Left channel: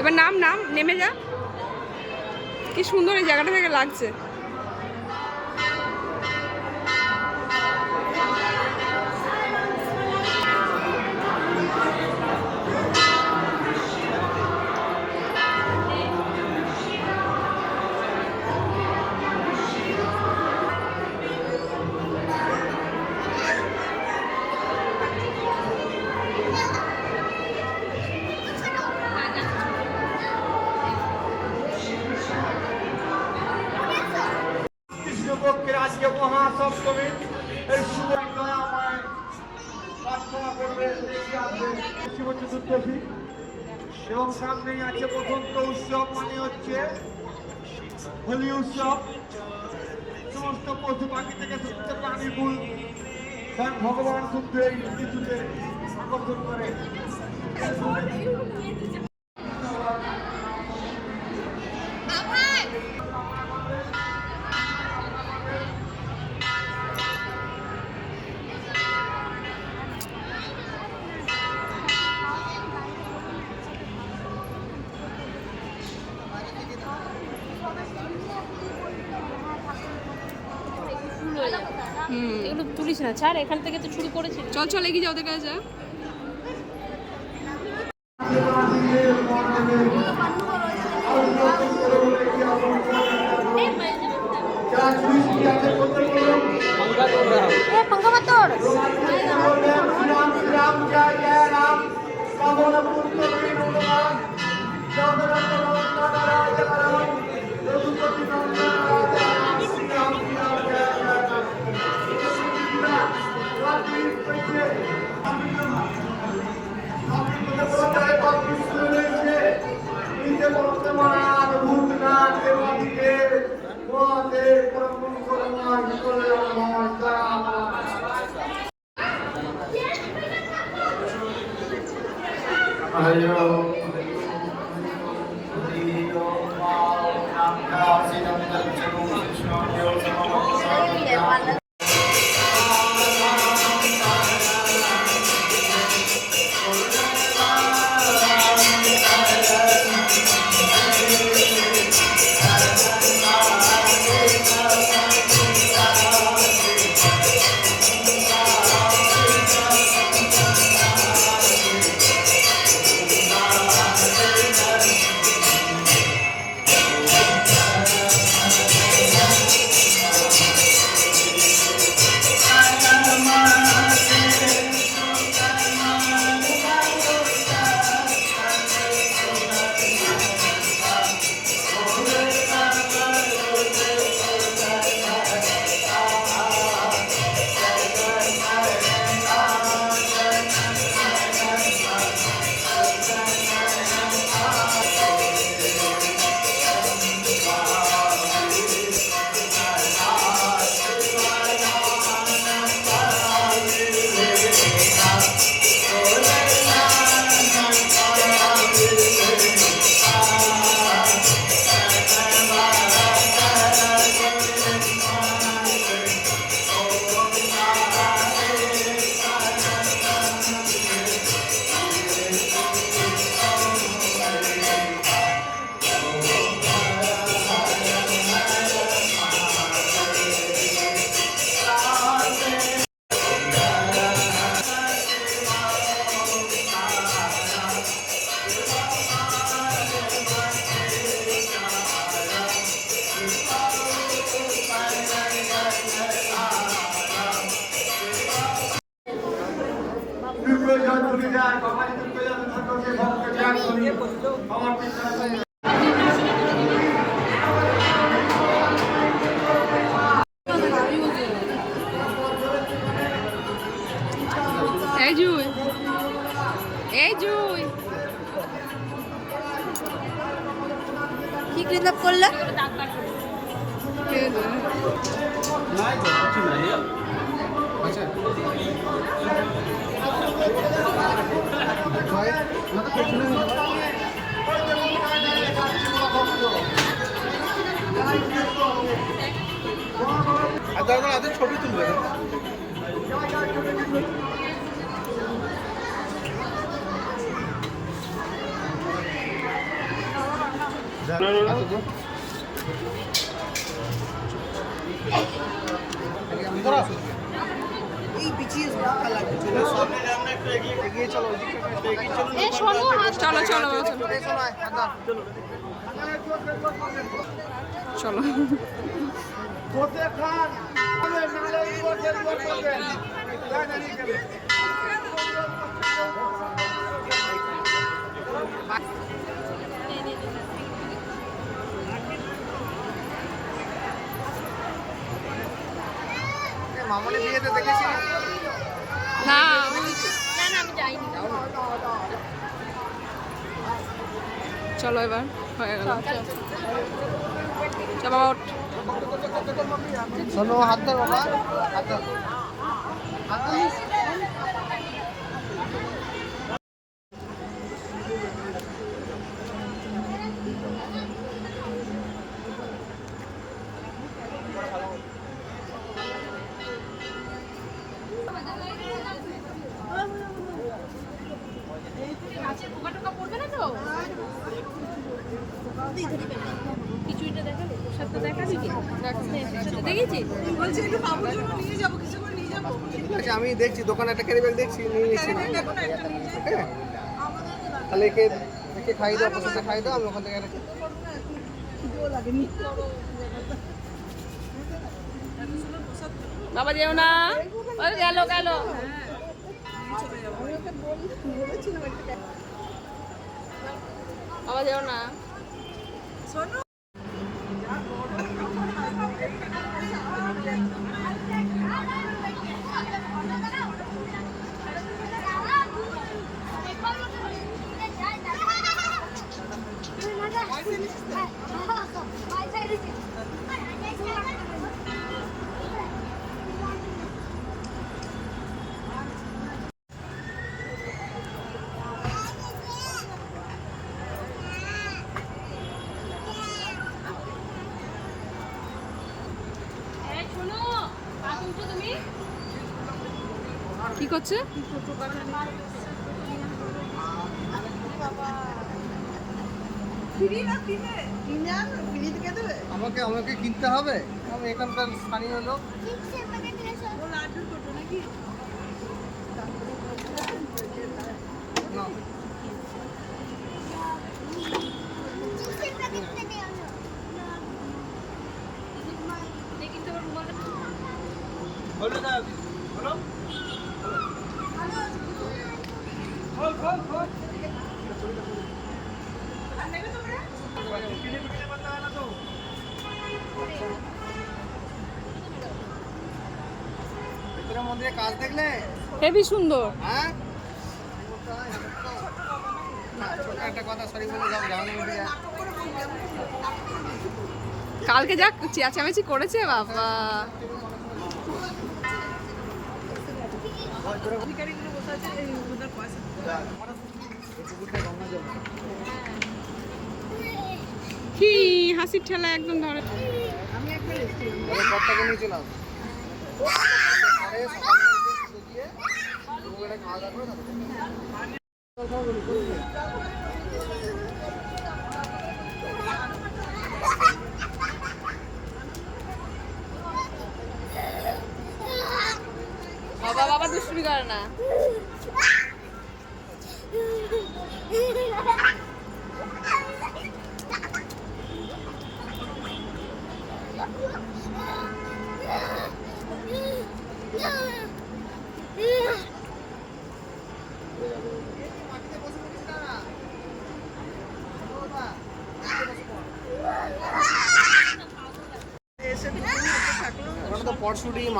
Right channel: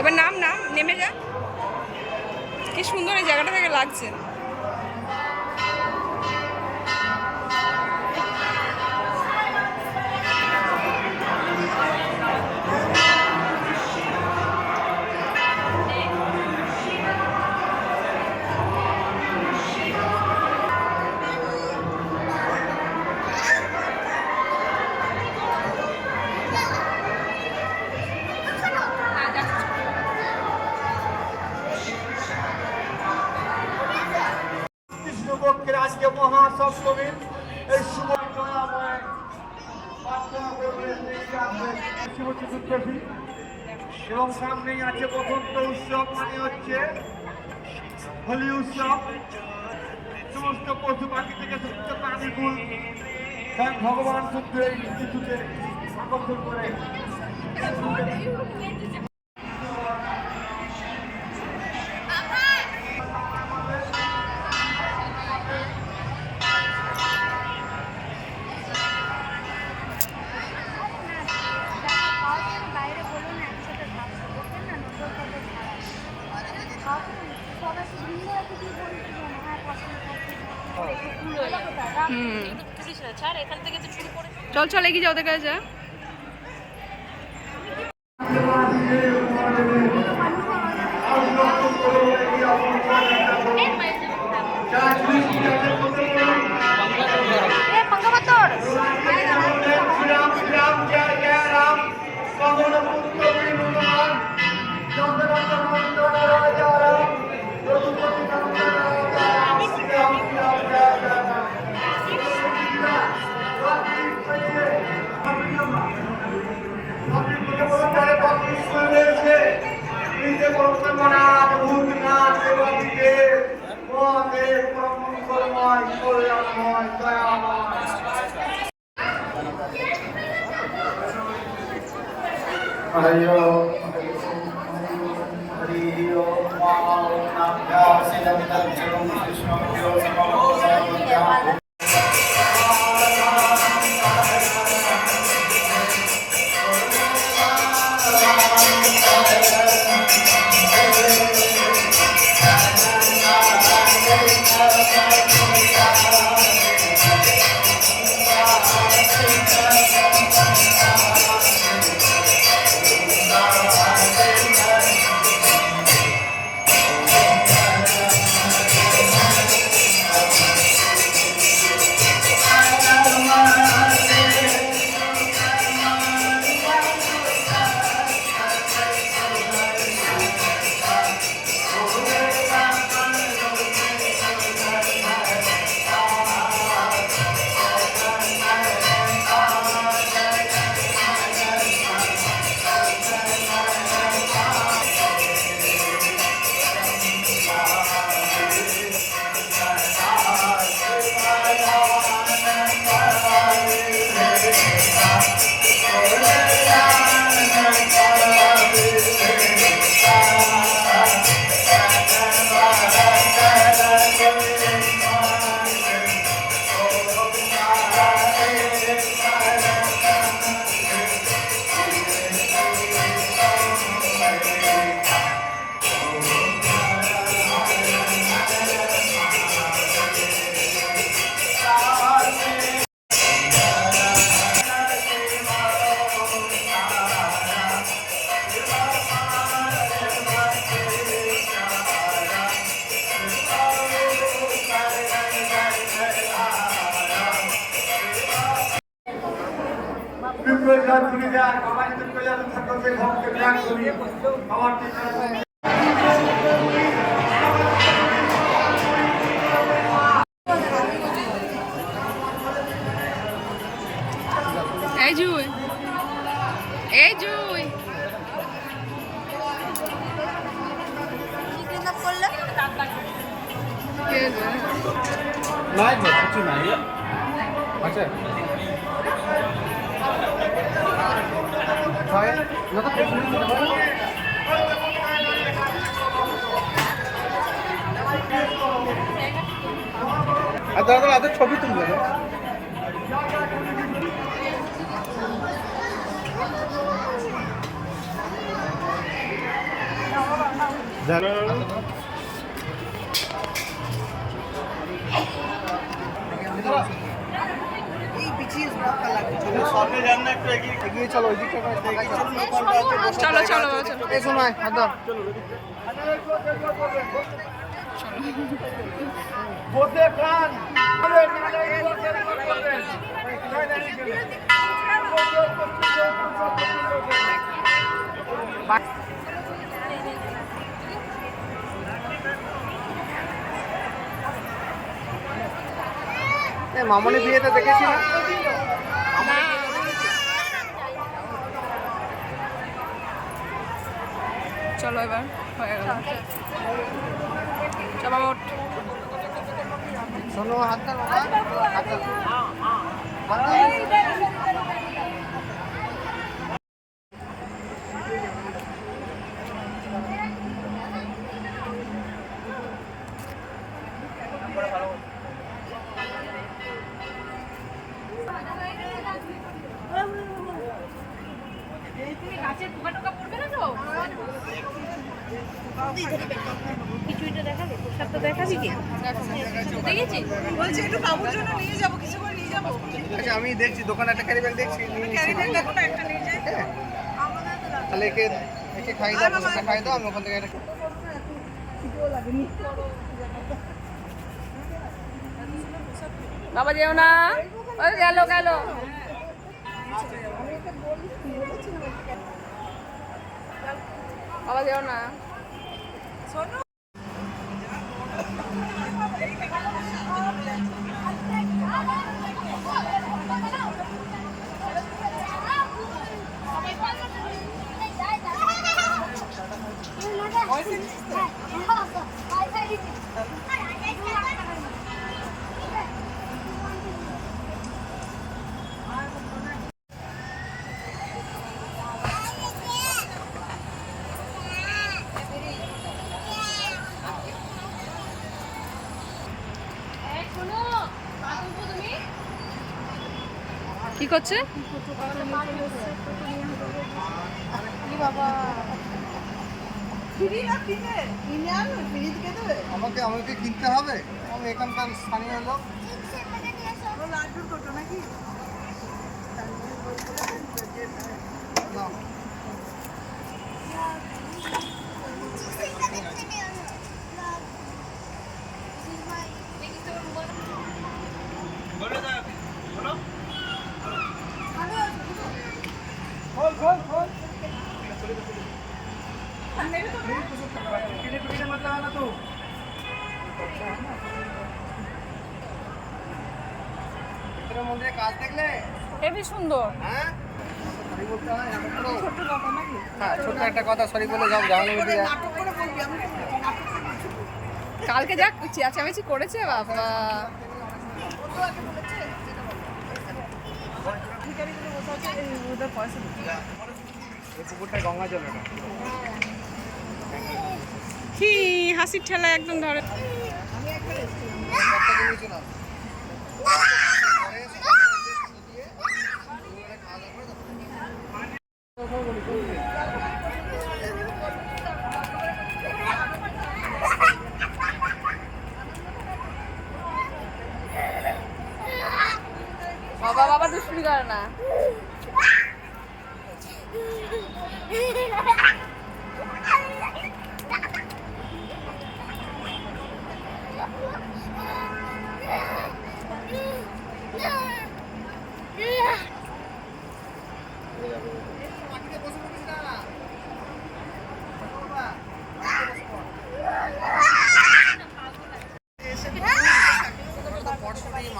এবার নাম নেমে যা। কি সুন্দর এই জায়গাটা থেকে লাগছে। কৃষ্ণপক্ষের আজকে মহাসপ্তমীর এই শুভ শুভ চতুর্দশী এবং সামনেই আছে বসন্ত উৎসব, মানে হচ্ছে হোলি উৎসব। সমস্ত পশু পাখি থেকে শুদ্ধ প্রাণী ফুল ভগবান শুদ্ধ এই কিছুতে আকর্ষণ করে। চল চল এগিয়ে যাও, ওদের কাছে যা। বিপ্লব জয়পুরি দেয় বাবাজিদের প্রজাতন্ত্র ছাত্রদের ভক্তের জ্ঞান করি আমার চিন্তা এই জুই, এই জুই কি ক্লিক করলে কে জানে? ছবি তুলবে এই পিছিয়ে ধাক্কা লাগবে এগিয়ে চলো ওইদিকটা চলো চলো বাবা চলো এই শোনায় দাদা চলো। বসে খান নালে নালে একবার করবেন জয় দাঁড়িয়ে গেলে মামনি বিয়েটা দেখেছি না না চলো এবার হয়ে গেল। চল বাবা ওঠ। শোনো হাত ধর বাবা হাত ধর হাত ধর কিছুটা দেখালে প্রসাদটা দেখাবি কি? দেখেছি বলছি একটু বাবুর জন্য নিয়ে যাবো, কিছু করে নিয়ে যাবো। আচ্ছা আমি দেখছি দোকানে একটা ক্যারি ব্যাগ দেখছি নিয়ে নিচ্ছি। ক্যারি ব্যাগ দেখো না, একটা নিয়ে যাই। হ্যাঁ আমাদের তো লাগবে। তাহলে একে খাই দাও প্রসাদটা খাই দাও আমি ওখান থেকে একটা খিদেও লাগেনি। বাবা যেও না, ওই গেল গেল। আমি ওকে বলেছিলাম একটা বাবা যেও না। শোনো কি করছে? আমাকে আমাকে কিনতে হবে আমি এখানকার স্থানীয় লোক লাড্ডুর কোটো নাকি? না ভিতরে মন্দিরে কাজ দেখলে হেবি সুন্দর। হ্যাঁ হ্যাঁ ছোট্ট একটা কথা সরি বলে যাও জামানো দিদি কালকে যা চেঁচামেচি করেছে বাবা। ভিখারিগুলো বসে আছে, এই ওদের পয়সা পুকুরটা গঙ্গা জল এটা কি হাসির ঠেলা একদম ধরে। আমি একটা এসেছি। কতটা নিয়ে চলে আসবে বাবা বাবা দুষ্টুমি করে না।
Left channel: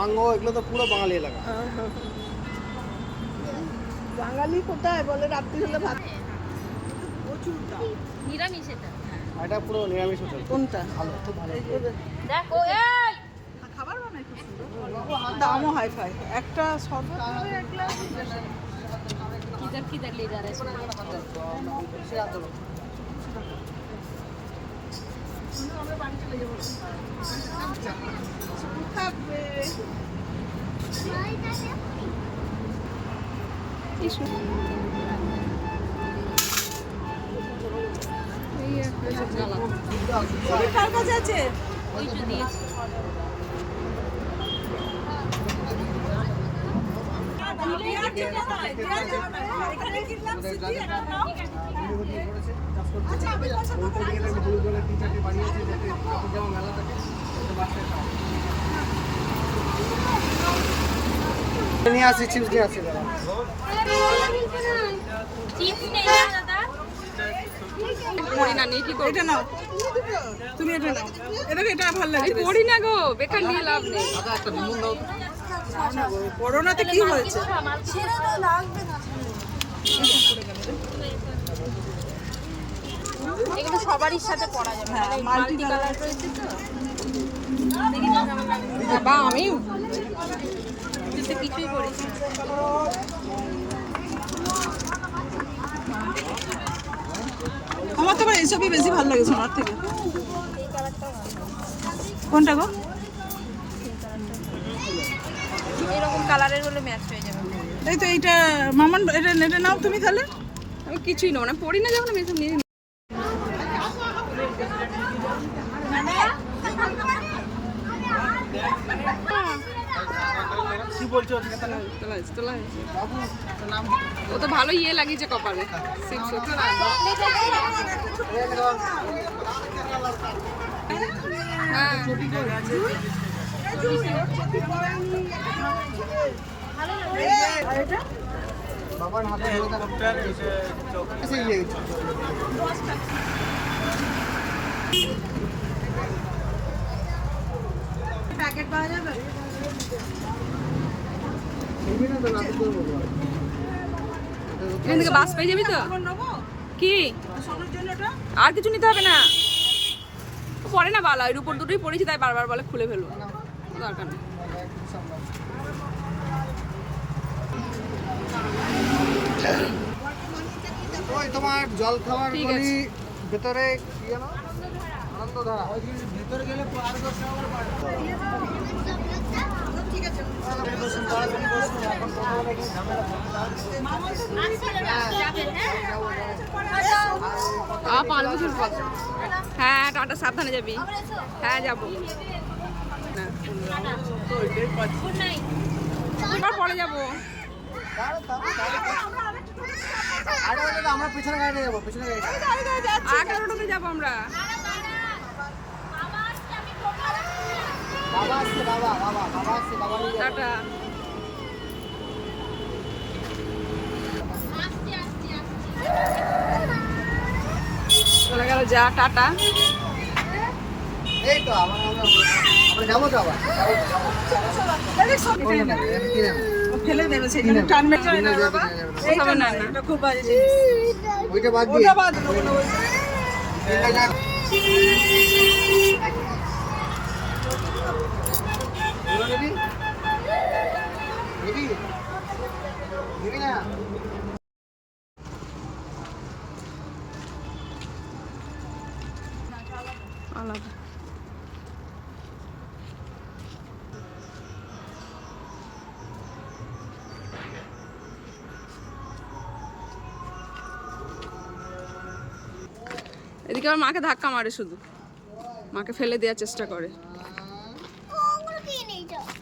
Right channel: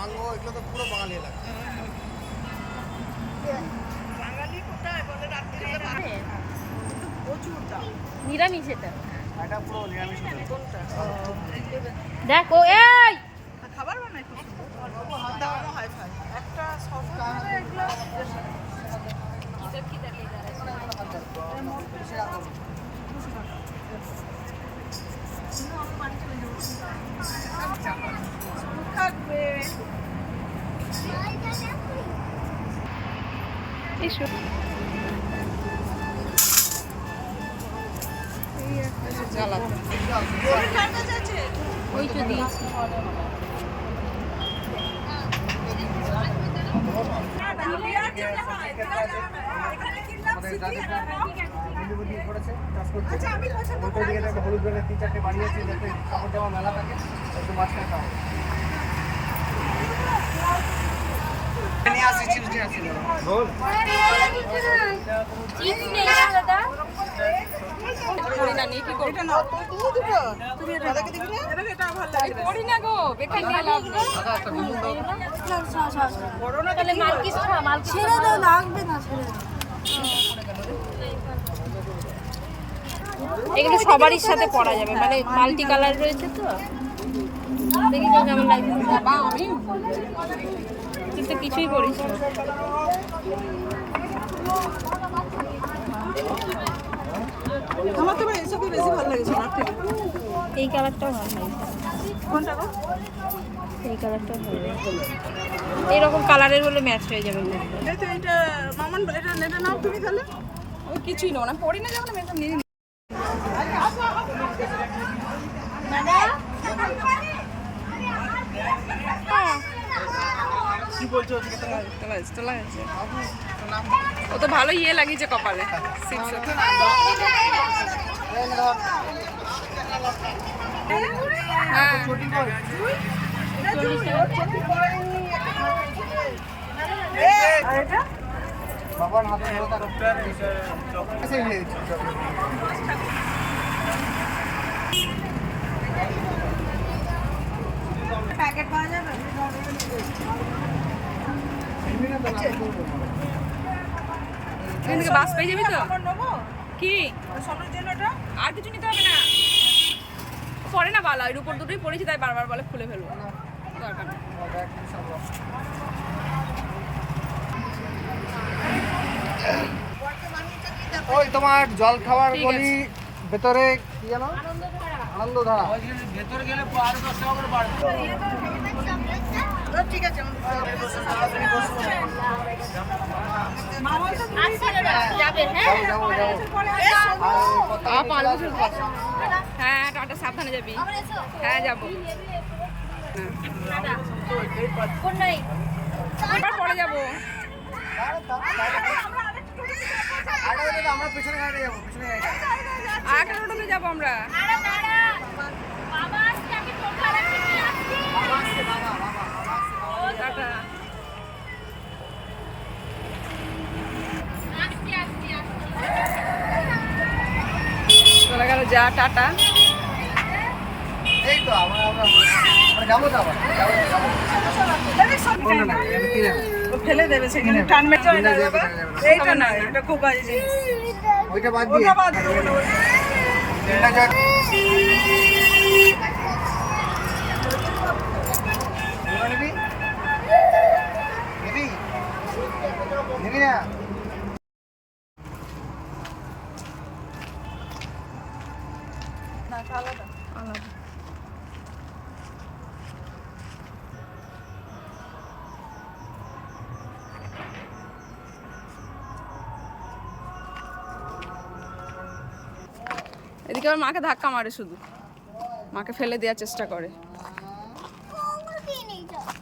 মাঙ্গো এগুলো তো পুরো বাঙালি এলাকা। বাঙালি কোথায় বলে রাত্রি হলে ভাত কিন্তু প্রচুর দাম। নিরামিষ এটা। এটা পুরো নিরামিষ হোটেল। কোনটা? দেখো এই আর খাবার বানায় খুব সুন্দর, দামও হাই ফাই। একটা किधर किधर ले जा रहे থাকবে। জ্বালা কার কাছে আছে? ওই তো দিয়েছি আমাদের যাদের মিলিবাটি করেছে চাষ করছে উল্টো দিকে একটা হলুদ রঙের 3-4টে বাড়ি আছে যাতে কাপড় জামা মেলা থাকে একটু মাঝখানে কাপড় নিয়ে আসি চিপস নিয়ে আসি দাদা চিপস নেই না দাদা পড়ি না নিয়ে কি করবো? এটা নাও তুমি, এটা এটা ভালো লাগে। পড়ি না গো, বেকার নিয়ে লাভ নেই। একটা বিলুন দাও করোনাতে কি হয়েছে? কিছু খামাল ছেড়ে দাও লাগবে না এগুলো সবারই সাথে পরা যাবে মানে মাল্টি কালার রয়েছে তো দেখি তো কেমন লাগবে বাবা আমি তুই তো কিছুই করিস না আমার তো এইসবই বেশি ভালো লাগে সোনার থেকে। এই কালারটাও ভালো লাগে। কোনটা গো? এই কালারটাও ভালো লাগে। এরকম কালারের হলে ম্যাচ হয়ে যাবে এই তো এইটা মামন, এটা এটা নাও তুমি তাহলে। আমি কিছুই নেবো না, পড়ি না যখন আমি এসব নিয়ে নিই। কি বলছো তোলা হয়েছে। ও তো ভালো ইয়ে লাগিয়েছে কপালে সিক্স। হ্যাঁ বাবার হাতে আচ্ছা এই চকলেট প্যাকেট পাওয়া যাবে? বিভিন্ন তো না করবো এখান থেকে বাস পেয়ে যাবি তো? আমার নেবো কি সোনার জন্য এটা। আর কিছু নিতে হবে না, ও পরে না বালা, এর উপর দুটোই পড়েছি তাই বারবার বলে খুলে ফেলবো, দরকার নেই। ওই তোমার জল খাওয়ার ঠিক গলি আছে। ভেতরে কি জানো আনন্দধারা ভেতরে গেলে আরো 10 টাকা করে বাড়বে ঠিক আছে যাবে হ্যাঁ যাবো আ 5 বছর পর। হ্যাঁ টাটা, সাবধানে যাবি। হ্যাঁ যাবো। হ্যাঁ কোন নাই এবার পরে যাবো। আমরা পিছনে গাড়িতে যাবো পিছনে গাড়িতে আর একটা টোটোতে যাবো আমরা। বাবা আসছে আমি টোটো রাখতে নিয়ে আসছি বাবা আসছে বাবা আসছে বাবা টাটা। আসছি আসছি আসছি চলে গেল যা, টাটা। এই তো আমরা যাবো তো আবার কোনটা নেবে? এটা কি নেবে? ও ফেলে দেবে সেখানে টান মেরে যায় না বাবা। এইটা খাবে না, না, না। এটা খুব বাজে জিনিস। ওইটা বাদ দিয়ে ওটা বাদ দাও। তিনটা যাক ওগুলো নিবি নিবি নিবি না আলাদা। এদিকে আমার মাকে ধাক্কা মারে, শুধু মাকে ফেলে দেওয়ার চেষ্টা করে।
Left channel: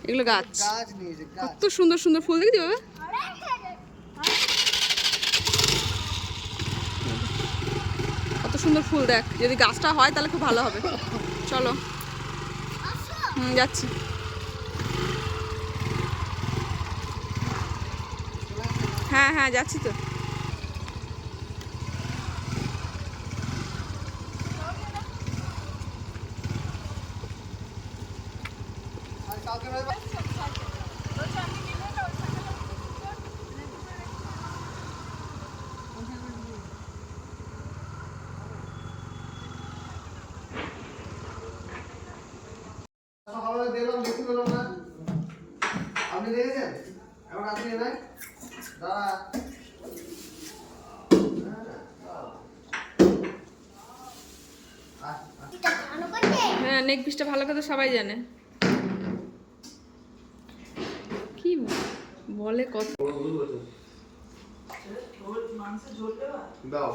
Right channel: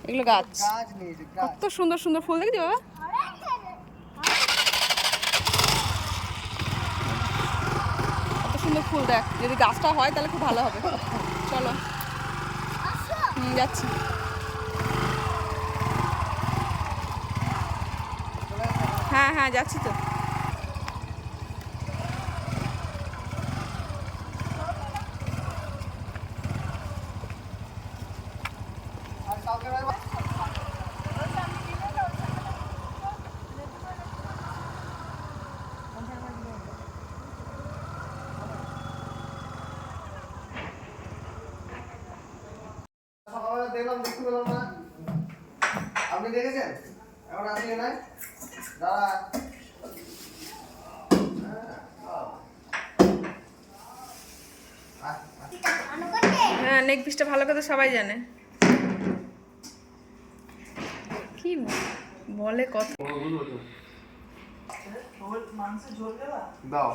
এগুলো গাছ, গাছ নিয়েছে গাছ কত সুন্দর সুন্দর ফুল দেখেছি বাবা। কত সুন্দর ফুল দেখ, যদি গাছটা হয় তাহলে খুব ভালো হবে। চলো যাচ্ছি। হ্যাঁ হ্যাঁ যাচ্ছি তো। আর কাউকে নয় দেখলাম দেখতে পেলাম না। আপনি দেখেছেন? এখন আপনি নাই দাদা। হ্যাঁ নেক পিসটা ভালো কথা সবাই জানে। কি বলে কথা। মাংস ঝোল দেবা দাও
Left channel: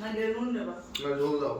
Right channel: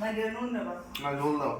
না নুন দেবা? না ঝোল দাও।